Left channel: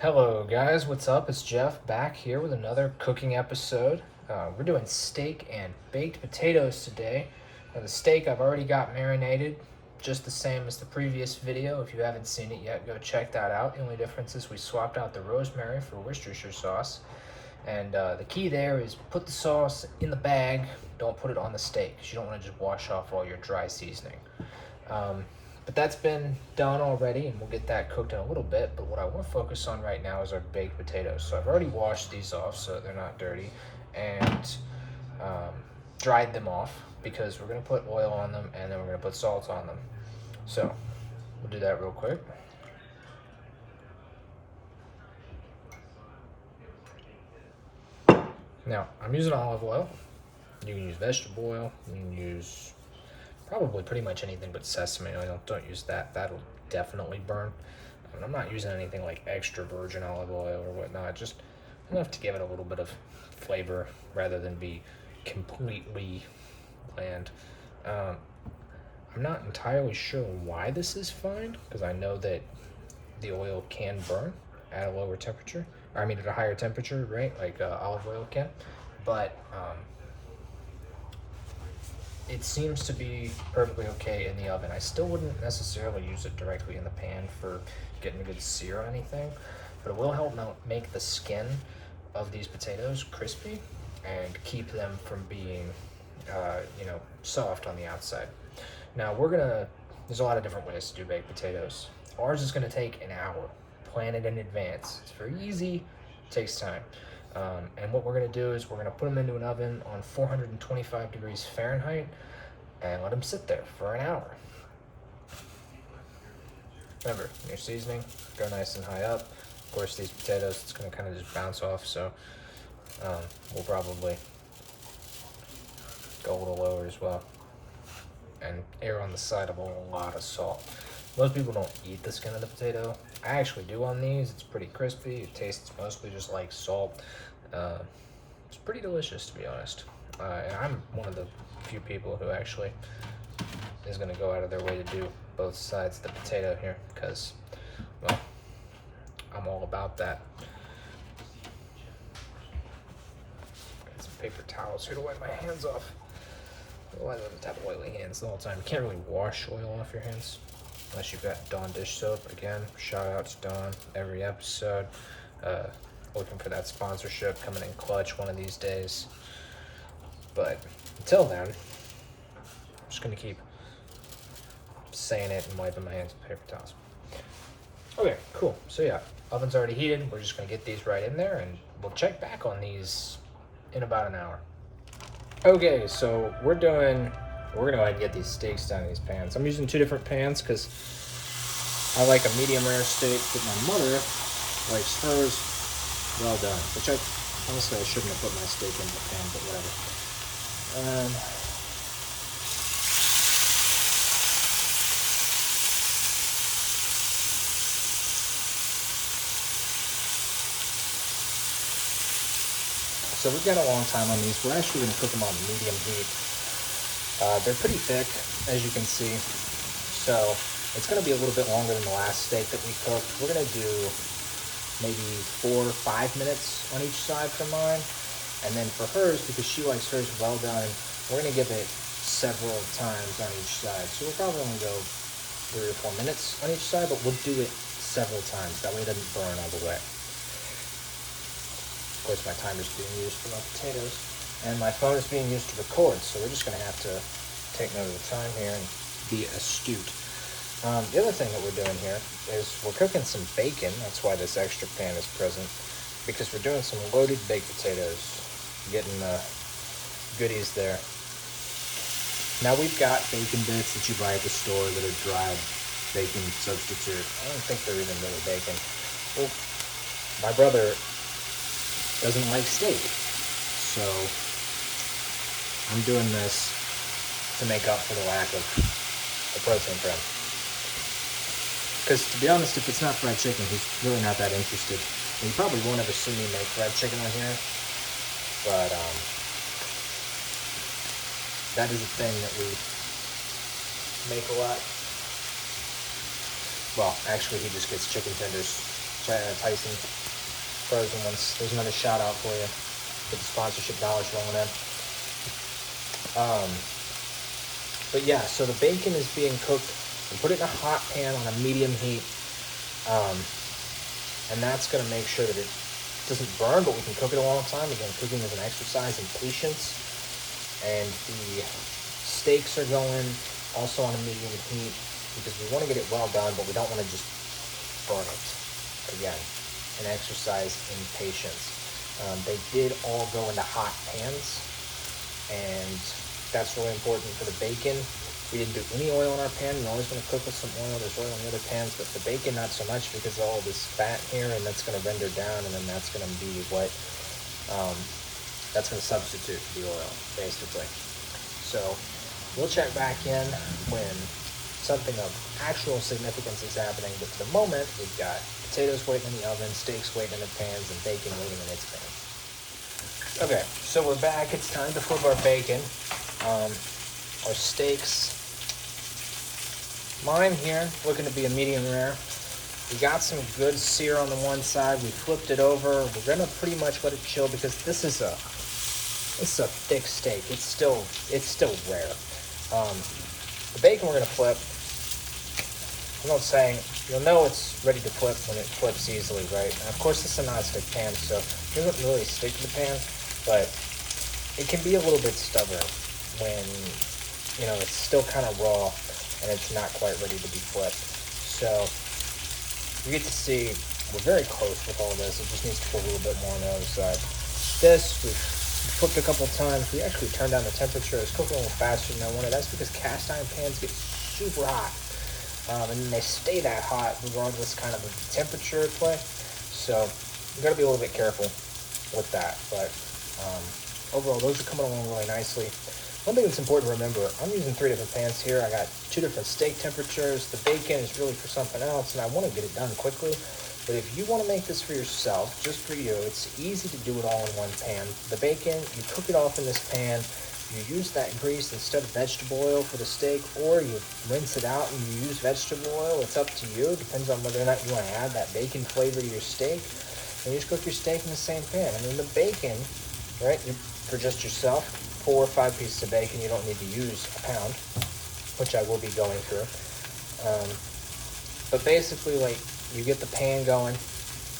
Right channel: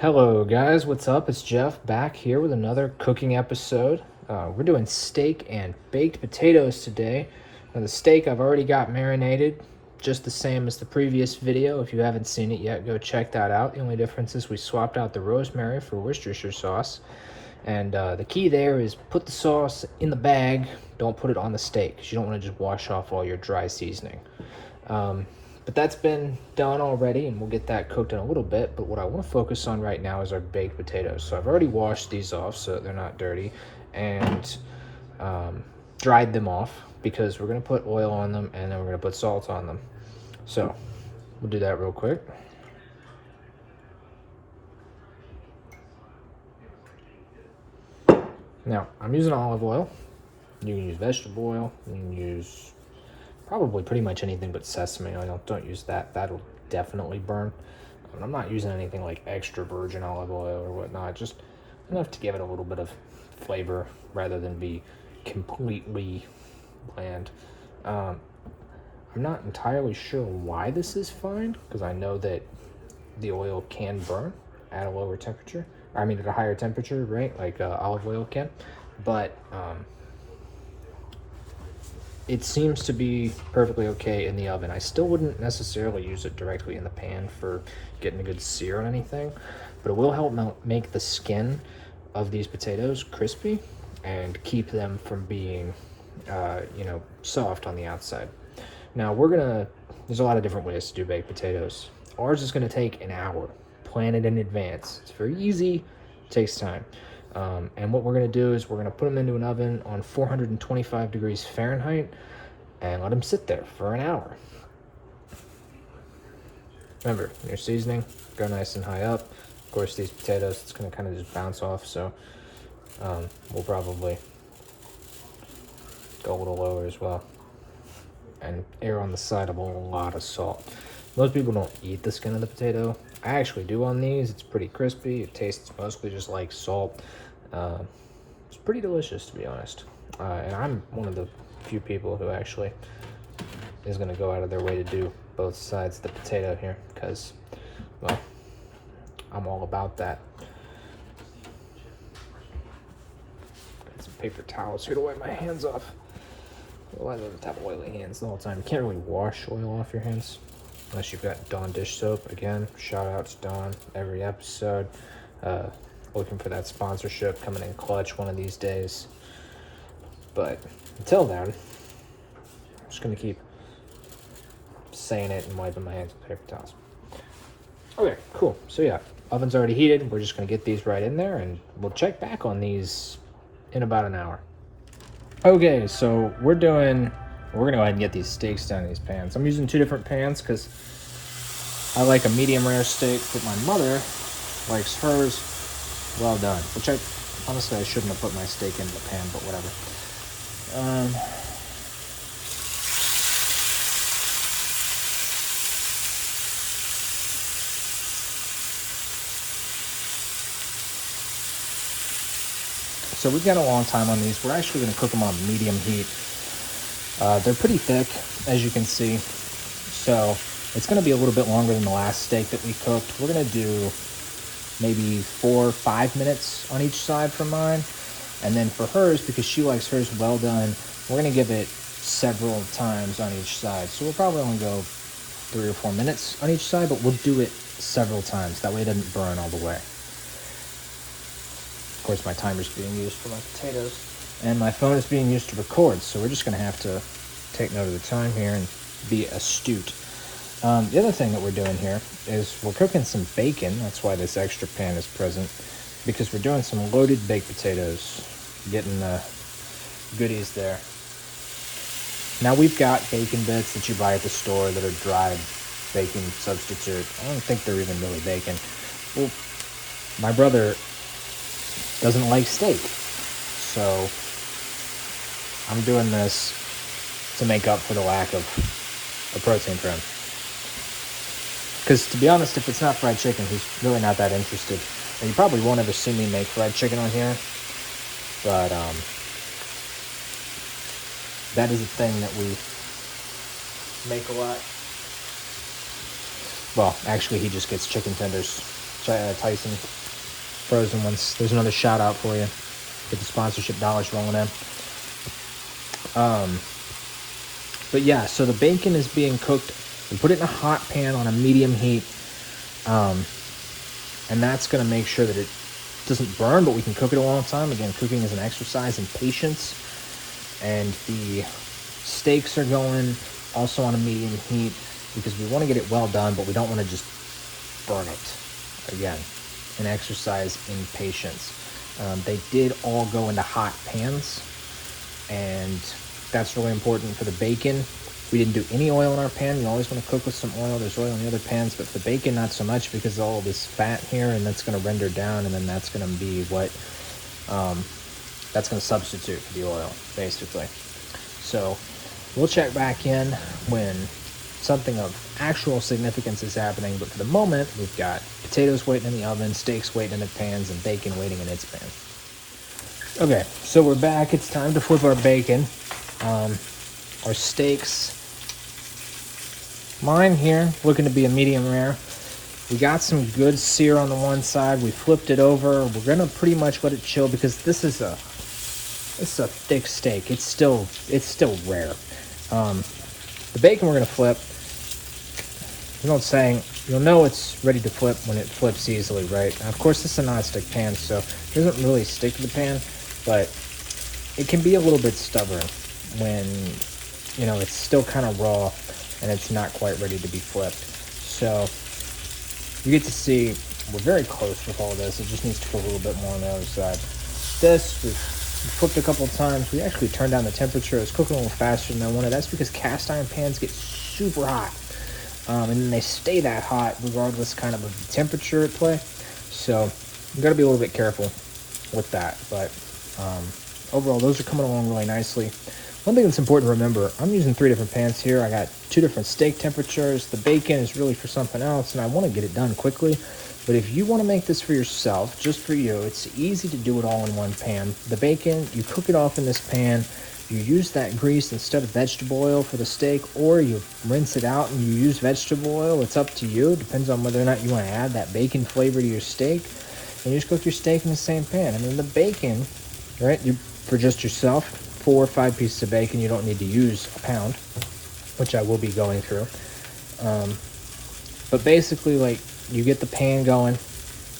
Hello guys, what's up? It's Jeff back here with another cooking episode. We're doing steak and baked potatoes today. Now the steak I've already got marinated, just the same as the previous video. If you haven't seen it yet, go check that out. The only difference is we swapped out the rosemary for Worcestershire sauce. And the key there is put the sauce in the bag, don't put it on the steak, because you don't want to just wash off all your dry seasoning. But that's been done already, and we'll get that cooked in a little bit. But what I want to focus on right now is our baked potatoes. So I've already washed these off so that they're not dirty, and dried them off because we're going to put oil on them and then we're going to put salt on them. So we'll do that real quick. Now I'm using olive oil. You can use vegetable oil. You can use probably pretty much anything but sesame oil. Don't use that. That'll definitely burn. And I'm not using anything like extra virgin olive oil or whatnot. Just enough to give it a little bit of flavor rather than be completely bland. I'm not entirely sure why this is fine, because I know that the oil can burn at a lower temperature. I mean, at a higher temperature, right? Like olive oil can. But it seems to be perfectly okay in the oven. I still wouldn't necessarily use it directly in the pan for getting a good sear on anything, but it will help make the skin of these potatoes crispy and keep them from being, soft on the outside. Now there's a lot of different ways to do baked potatoes. Ours is gonna take an hour. Plan it in advance. It's very easy, takes time. And what we're going to do is we're going to put them into an oven on 425 degrees Fahrenheit and let them sit there for an hour. Remember, your seasoning, go nice and high up. Of course, these potatoes, it's going to kind of just bounce off, so we'll probably go a little lower as well. And err on the side of a lot of salt. Most people don't eat the skin of the potato. I actually do on these. It's pretty crispy. It tastes mostly just like salt. It's pretty delicious, to be honest. And I'm one of the few people who actually is going to go out of their way to do both sides of the potato here, because, well, I'm all about that. Got some paper towels here to wipe my hands off. Why do I have oily hands the whole time? You can't really wash oil off your hands unless you've got Dawn dish soap. Again, shout out to Dawn every episode. Looking for that sponsorship coming in clutch one of these days. But until then, I'm just gonna keep saying it and wiping my hands with paper towels. Okay, cool. So yeah, oven's already heated. We're just gonna get these right in there and we'll check back on these in about an hour. Okay, so we're gonna go ahead and get these steaks down in these pans. I'm using two different pans because I like a medium rare steak, but my mother likes hers well done. Which honestly I shouldn't have put my steak in the pan, but whatever. So we've got a long time on these. We're actually going to cook them on medium heat. They're pretty thick, as you can see. So it's going to be a little bit longer than the last steak that we cooked. We're going to do maybe 4 or 5 minutes on each side for mine. And then for hers, because she likes hers well done, we're going to give it several times on each side. So we'll probably only go 3 or 4 minutes on each side, but we'll do it several times. That way it doesn't burn all the way. Of course, my timer's being used for my potatoes, and my phone is being used to record, so we're just going to have to take note of the time here and be astute. The other thing that we're doing here is we're cooking some bacon. That's why this extra pan is present, because we're doing some loaded baked potatoes, getting the goodies there. Now we've got bacon bits that you buy at the store that are dried bacon substitute. I don't think they're even really bacon. Well, my brother doesn't like steak, so I'm doing this to make up for the lack of the protein for him. Because to be honest, if it's not fried chicken, he's really not that interested. And you probably won't ever see me make fried chicken on here, but that is a thing that we make a lot. Well, actually, he just gets chicken tenders So Tyson frozen ones. There's another shout out for you. Get the sponsorship dollars rolling in. But yeah, so the bacon is being cooked. We put it in a hot pan on a medium heat. And that's going to make sure that it doesn't burn, but we can cook it a long time. Again, cooking is an exercise in patience. And the steaks are going also on a medium heat because we want to get it well done, but we don't want to just burn it. Again, an exercise in patience. They did all go into hot pans, and that's really important for the bacon. We didn't do any oil in our pan. You're always going to cook with some oil. There's oil in the other pans, but the bacon not so much because of all this fat here, and that's going to render down, and then that's going to be what that's going to substitute for the oil, basically. So we'll check back in when something of actual significance is happening, but for the moment, we've got potatoes waiting in the oven, steaks waiting in the pans, and bacon waiting in its pan. Okay, so we're back. It's time to flip our bacon. Our steaks. Mine here, looking to be a medium rare. We got some good sear on the one side. We flipped it over. We're gonna pretty much let it chill because this is a thick steak. It's still rare. The bacon we're gonna flip. You know what I'm saying? You'll know it's ready to flip when it flips easily, right? Of course, this is a non-stick pan, so it doesn't really stick to the pan, but it can be a little bit stubborn when, you know, it's still kind of raw and it's not quite ready to be flipped. So you get to see we're very close with all this. It just needs to cook a little bit more on the other side. This, we've flipped a couple of times. We actually turned down the temperature. It's cooking a little faster than I wanted. That's because cast iron pans get super hot. And then they stay that hot regardless kind of the temperature at play. So you got to be a little bit careful with that. But overall, those are coming along really nicely. One thing that's important to remember, I'm using 3 different pans here. I got 2 different steak temperatures. The bacon is really for something else, and I want to get it done quickly. But if you want to make this for yourself, just for you, it's easy to do it all in one pan. The bacon, you cook it off in this pan. You use that grease instead of vegetable oil for the steak, or you rinse it out and you use vegetable oil. It's up to you. It depends on whether or not you want to add that bacon flavor to your steak. And you just cook your steak in the same pan. And then the bacon, right, for just yourself, 4 or 5 pieces of bacon, you don't need to use a pound, which I will be going through. But basically, like, you get the pan going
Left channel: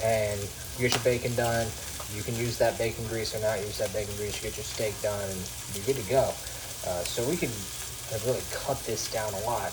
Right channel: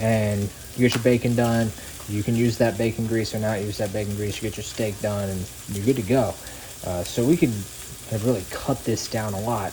and you get your bacon done. You can use that bacon grease or not use that bacon grease. You get your steak done and you're good to go. So we can really cut this down a lot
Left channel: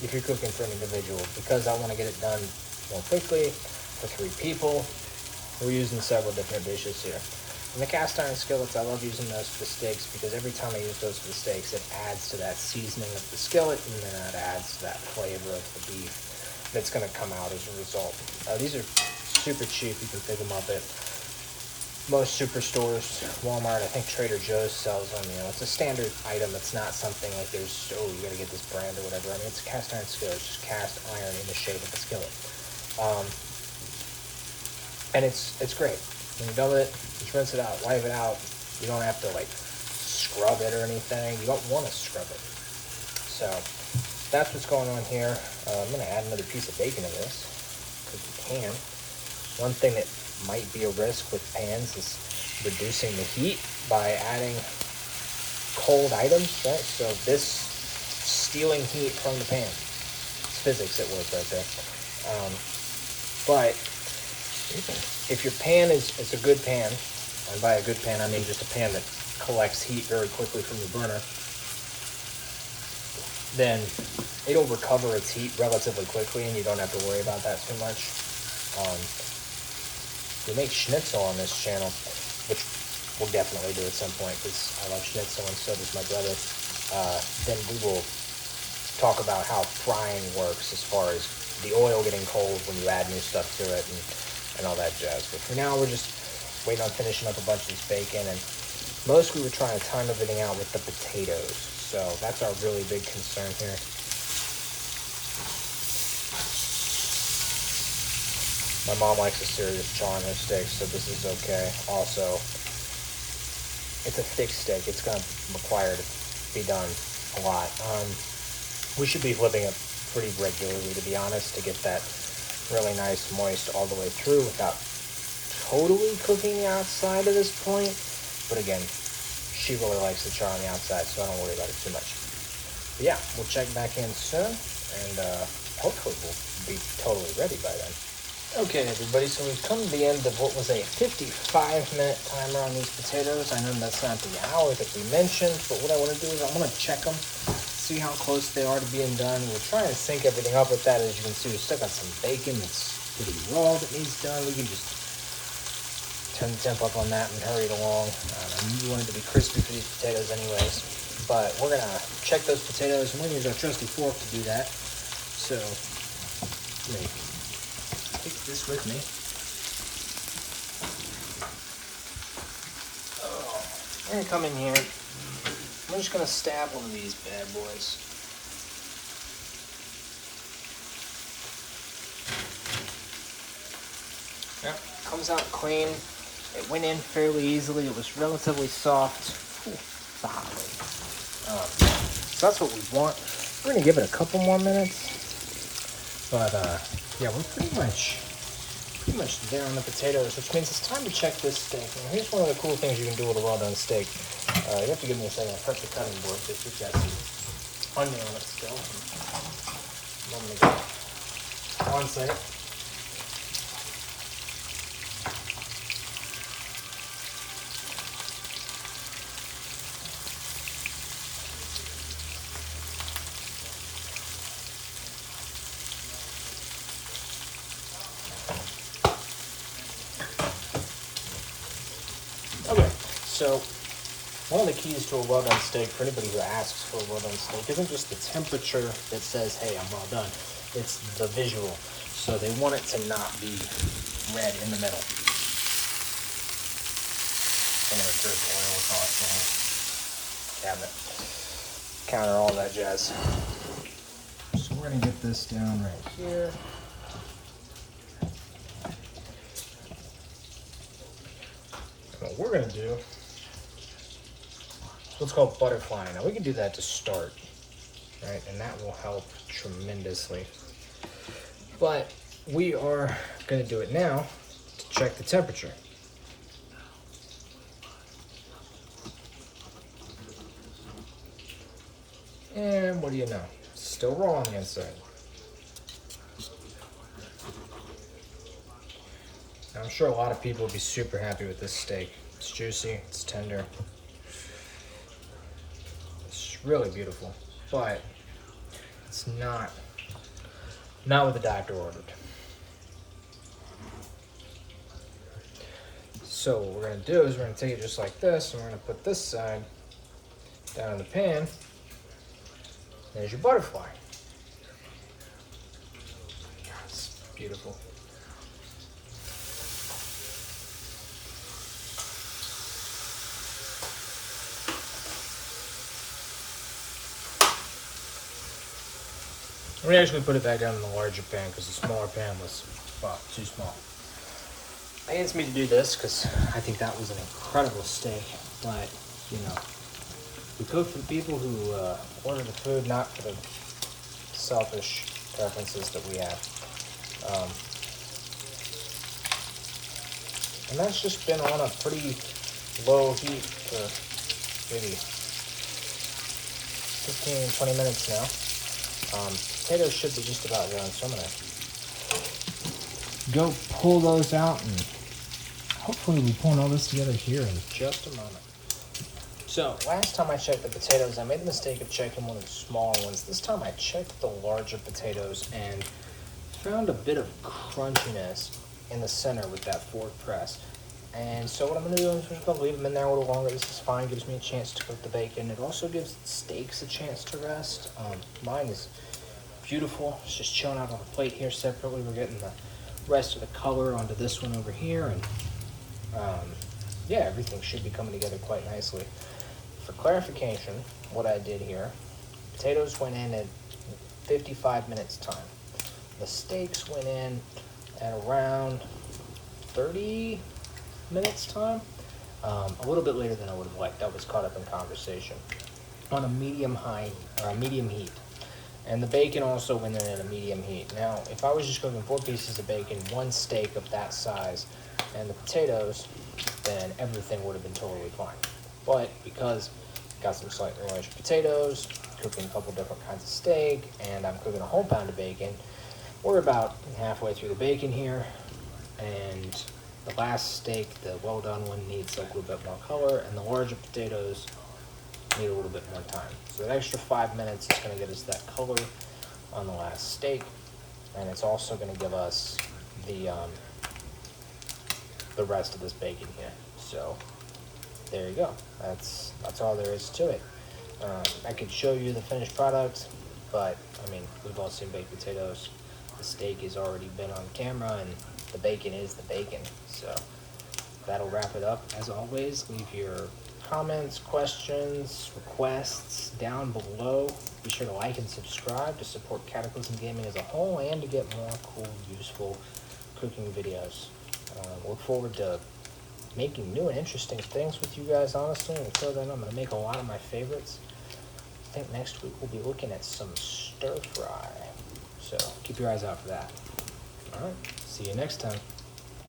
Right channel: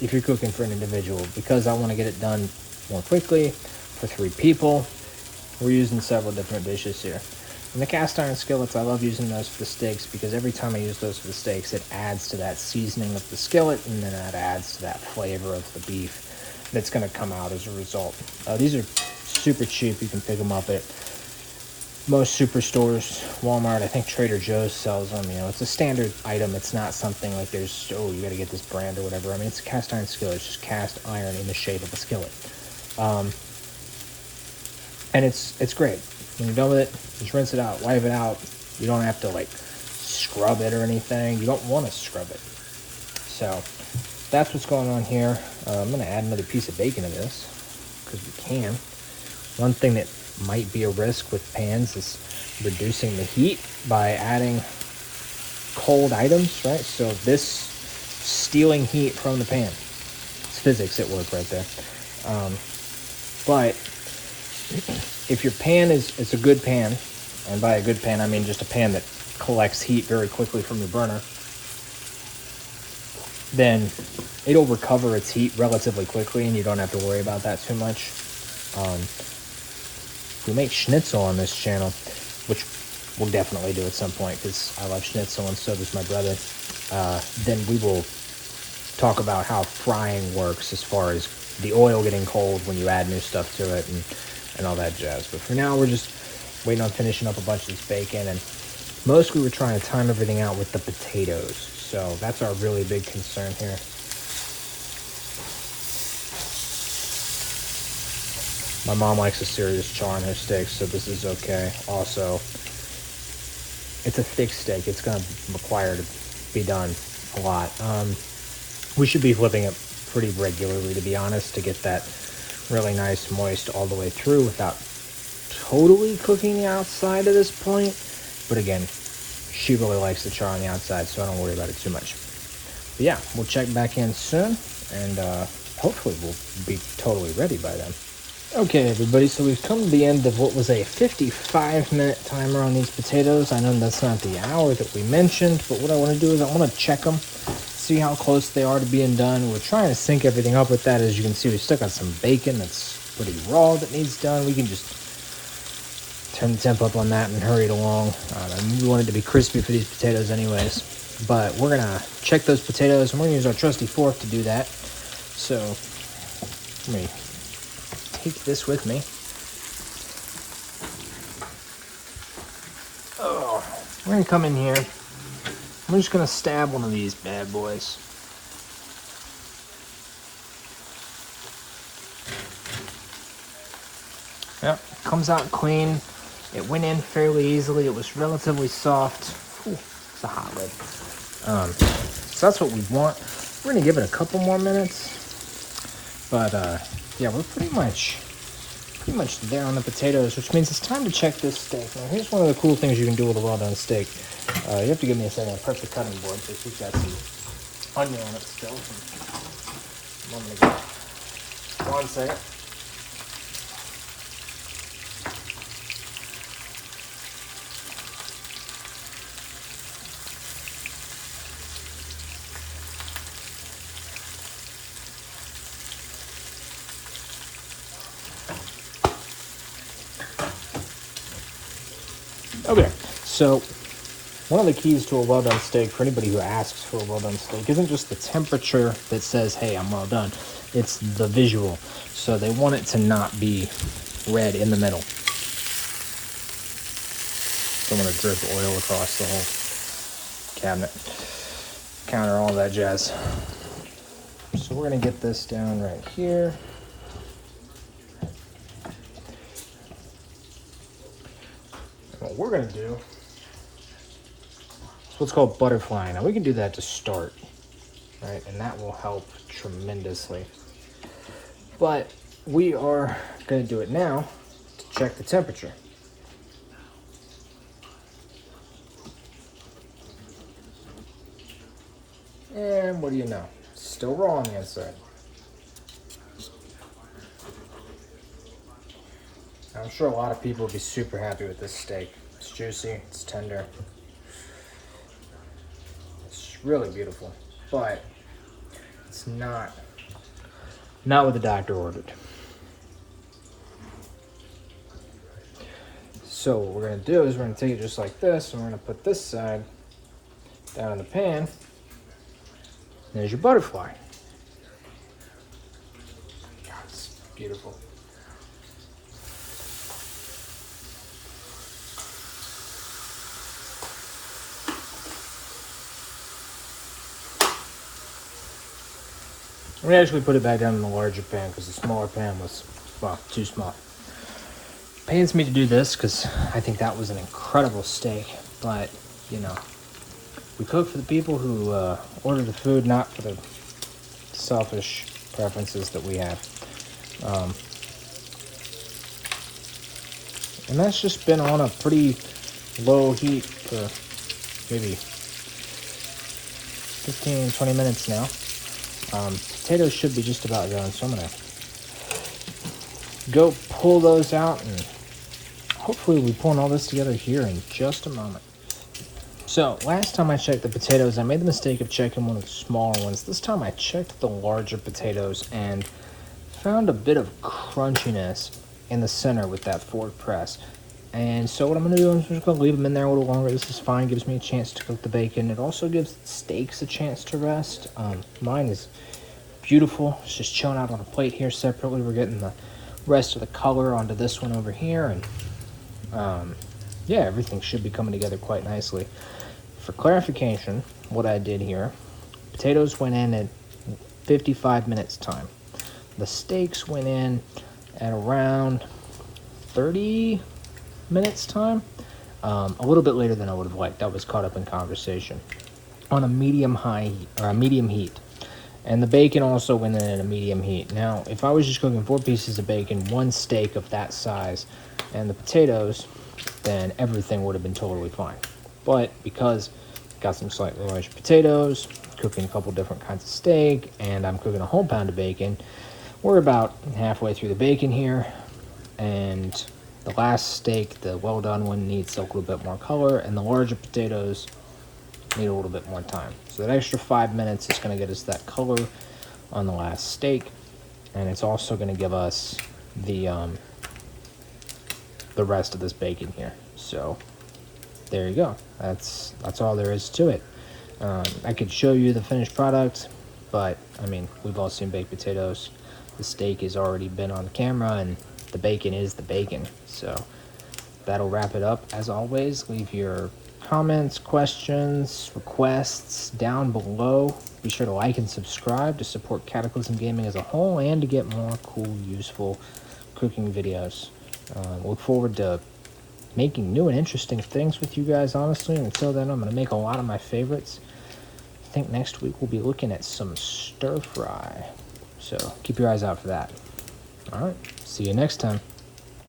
if you're cooking for an individual. Because I want to get it done more quickly for 3 people, we're using several different dishes here. And the cast iron skillets, I love using those for the steaks because every time I use those for the steaks, it adds to that seasoning of the skillet, and then that adds to that flavor of the beef that's going to come out as a result. These are super cheap. You can pick them up at most superstores, Walmart. I think Trader Joe's sells them. You know, it's a standard item. It's not something like there's, oh, you got to get this brand or whatever. I mean, it's a cast iron skillet. It's just cast iron in the shape of a skillet. And it's great. When you're done with it, just rinse it out, wipe it out. You don't have to like scrub it or anything. You don't want to scrub it. So that's what's going on here. I'm going to add another piece of bacon to this because we can. One thing that might be a risk with pans is reducing the heat by adding cold items, right? So this stealing heat from the pan. It's physics at work right there. But if your pan is a good pan, and by a good pan I mean just a pan that collects heat very quickly from the burner, then it'll recover its heat relatively quickly and you don't have to worry about that too much. We make schnitzel on this channel, which we'll definitely do at some point because I love schnitzel and so does my brother. Then we will talk about how frying works as far as the oil getting cold when you add new stuff to it and all that jazz. But for now, we're just waiting on finishing up a bunch of this bacon, and most we were trying to time everything out with the potatoes. So that's our really big concern here. My mom likes a serious char on her steaks, so this is okay. Also, it's a thick steak. It's going to require to be done a lot. We should be flipping it pretty regularly, to be honest, to get that really nice, moist all the way through without totally cooking the outside at this point. But again, she really likes the char on the outside, so I don't worry about it too much. But yeah, we'll check back in soon, and hopefully we'll be totally ready by then. Okay, everybody, so we've come to the end of what was a 55-minute timer on these potatoes. I know that's not the hour that we mentioned, but what I want to do is I want to check them, see how close they are to being done. We're trying to sync everything up with that. As you can see, we still got some bacon that's pretty raw that needs done. We can just turn the temp up on that and hurry it along. We want it to be crispy for these potatoes anyways. But we're going to check those potatoes, and we're going to use our trusty fork to do that. So, let me keep this with me. Oh, we're going to come in here. I'm just going to stab one of these bad boys. Yep, comes out clean. It went in fairly easily. It was relatively soft. Ooh, so that's what we want. We're gonna give it a couple more minutes. But yeah, we're pretty much there on the potatoes, which means it's time to check this steak. Now, here's one of the cool things you can do with a well-done steak. You have to give me a perfect cutting board because we've got some onion on it still. I'm gonna go on site. Okay, so one of the keys to a well-done steak, for anybody who asks for a well-done steak, isn't just the temperature that says, hey, I'm well done. It's the visual. So they want it to not be red in the middle. So I'm going to drip oil across the whole cabinet, counter, all that jazz. So we're going to get this down right here. What we're going to do is what's called butterfly. Now we can do that to start, right? And that will help tremendously. But we are going to do it now to check the temperature. And what do you know? It's still raw on the inside. I'm sure a lot of people will be super happy with this steak. It's juicy, it's tender. It's really beautiful, but it's not what the doctor ordered. So what we're gonna do is we're gonna take it just like this, and we're gonna put this side down in the pan. There's your butterfly. God, it's beautiful. We actually put it back down in the larger pan because the smaller pan was, well, too small. It pains me to do this because I think that was an incredible steak, but, you know, we cook for the people who order the food, not for the selfish preferences that we have. And that's just been on a pretty low heat for maybe 15, 20 minutes now. Potatoes should be just about done, so I'm gonna go pull those out, and hopefully we'll be pulling all this together here in just a moment. So last time I checked the potatoes, I made the mistake of checking one of the smaller ones. This time I checked the larger potatoes and found a bit of crunchiness in the center with that fork press. And so what I'm gonna do is I'm just gonna leave them in there a little longer. This is fine, gives me a chance to cook the bacon. It also gives the steaks a chance to rest. Mine is beautiful. It's just chilling out on a plate here separately. We're getting the rest of the color onto this one over here, and yeah, everything should be coming together quite nicely. For clarification, what I did here, potatoes went in at 55 minutes time. The steaks went in at around 30 minutes time, a little bit later than I would have liked. I was caught up in conversation on a medium high or a medium heat. And the bacon also went in at a medium heat. Now, if I was just cooking 4 pieces of bacon, 1 steak of that size, and the potatoes, then everything would have been totally fine. But because I got some slightly larger potatoes, cooking a couple different kinds of steak, and I'm cooking a whole pound of bacon, we're about halfway through the bacon here, and the last steak, the well done one, needs a little bit more color, and the larger potatoes need a little bit more time. So that extra 5 minutes is going to get us that color on the last steak, and it's also going to give us the rest of this bacon here. So there you go. That's all there is to it. I could show you the finished product, but I mean, we've all seen baked potatoes. The steak has already been on camera, and the bacon is the bacon. So that'll wrap it up. As always, leave your comments, questions, requests down below. Be sure to like and subscribe to support Cataclysm Gaming as a whole and to get more cool, useful cooking videos. Look forward to making new and interesting things with you guys, honestly. And until then, I'm going to make a lot of my favorites. I think next week we'll be looking at some stir fry. So keep your eyes out for that. All right, see you next time.